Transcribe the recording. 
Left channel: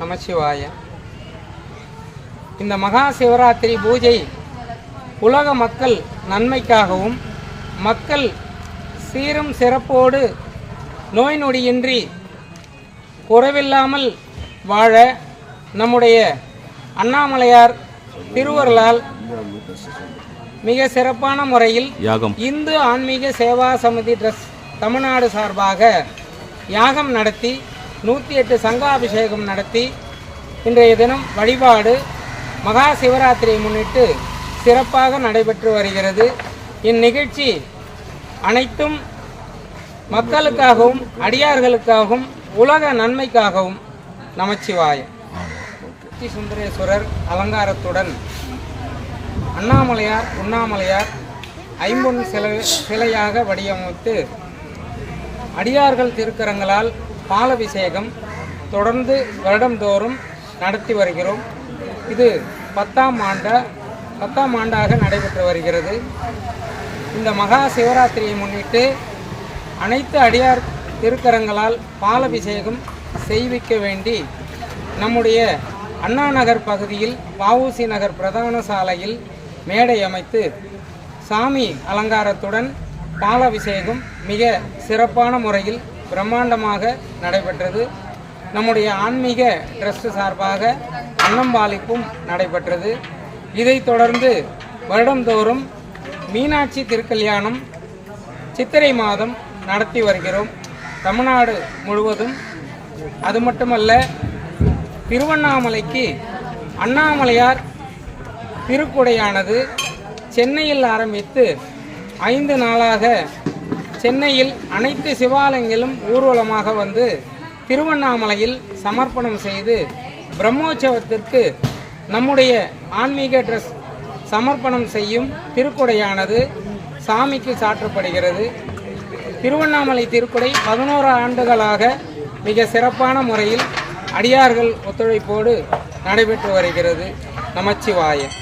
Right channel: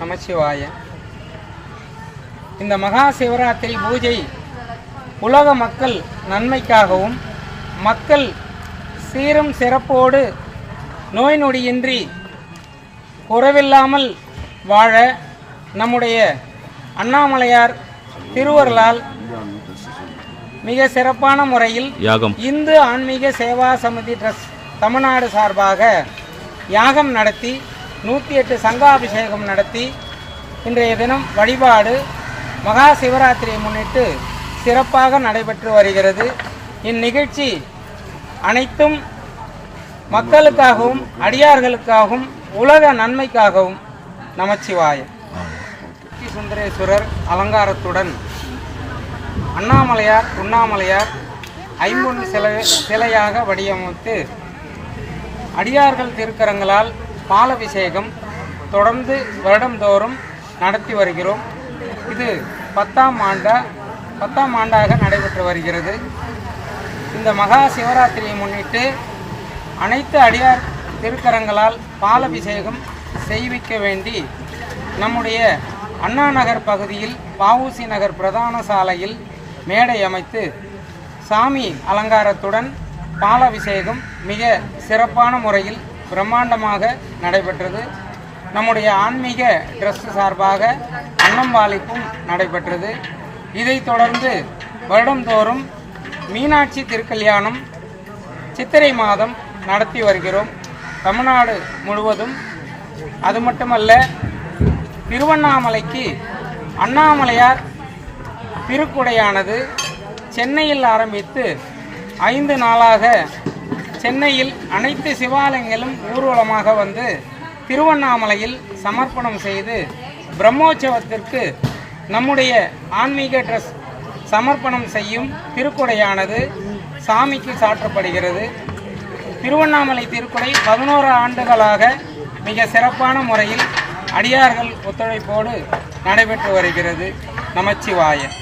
நமச்சிவாய. இந்த மகா சிவராத்திரி பூஜை உலக மக்கள் நன்மைக்காகவும் மக்கள் சீரும் சிறப்போடு நோய் நொடியின்றி குறைவில்லாமல் வாழ நம்முடைய அண்ணாமலையார் திருவருளால் மிக சிறப்பான முறையில் இந்து ஆன்மீக சேவா சமிதி ட்ரஸ்ட் தமிழ்நாடு சார்பாக யாகம் நடத்தி நூற்றி எட்டு சங்காபிஷேகம் நடத்தி இன்றைய தினம் வழிபாடு மகா சிவராத்திரியை முன்னிட்டு சிறப்பாக நடைபெற்று வருகிறது. இந்நிகழ்ச்சி அனைத்தும் மக்களுக்காகவும் அடியார்களுக்காகவும் உலக நன்மைக்காகவும் நமச்சிவாயம். சுந்தரேஸ்வரர் அலங்காரத்துடன் அண்ணாமலையார் உண்ணாமலையார் ஐம்பொன் சிலை சிலையாக வடிவமைத்து அடியார்கள் திருக்கரங்களால் பாலபிஷேகம் தொடர்ந்து வருடந்தோறும் நடத்தி வருகிறோம். இது பத்தாம் ஆண்டா பத்தாம் ஆண்டாக நடைபெற்று வருகிறது. இந்த மகா சிவராத்திரியை முன்னிட்டு அனைத்து அடியார் திருக்கரங்களால் பாலபிஷேகம் செய்விக்க வேண்டி நம்முடைய அண்ணா நகர் பகுதியில் பாவூசி நகர் பிரதான சாலையில் மேடை அமைத்து சாமி அலங்காரத்துடன் பாலாபிஷேகம் மிக சிறப்பான முறையில் பிரம்மாண்டமாக நடைபெற்றது. நம்முடைய ஆன்மீக ட்ரஸ்ட் சார்பாக அன்னம்பாலிப்பும் நடைபெற்றது. இதைத் தொடர்ந்து வருடந்தோறும் மீனாட்சி திருக்கல்யாணம் சித்திரை மாதம் நடத்தி வருகிறோம். தமிழ்நாடு முழுவதும். அது மட்டுமல்ல திருவண்ணாமலைக்கு அண்ணாமலையார் திருக்குடையானது சென்னையில் ஆரம்பித்து ஐந்து நாளாக சென்னையில் அனைத்து சிவாலயங்களும் ஊர்வலமாக வந்து திருவண்ணாமலையில் சமர்ப்பணம் செய்து பிரம்மோற்சவத்திற்கு நம்முடைய ஆன்மீக ட்ரெஸ் சமர்ப்பணம் செய்யும் திருக்குடையானது சாமிக்கு சாற்றப்படுகிறது. திருவண்ணாமலை திருக்குடை பதினோரு ஆண்டுகளாக மிக சிறப்பான முறையில் அடியார்கள் ஒத்துழைப்போடு நடைபெற்று வருகிறது. நமச்சிவாயம்.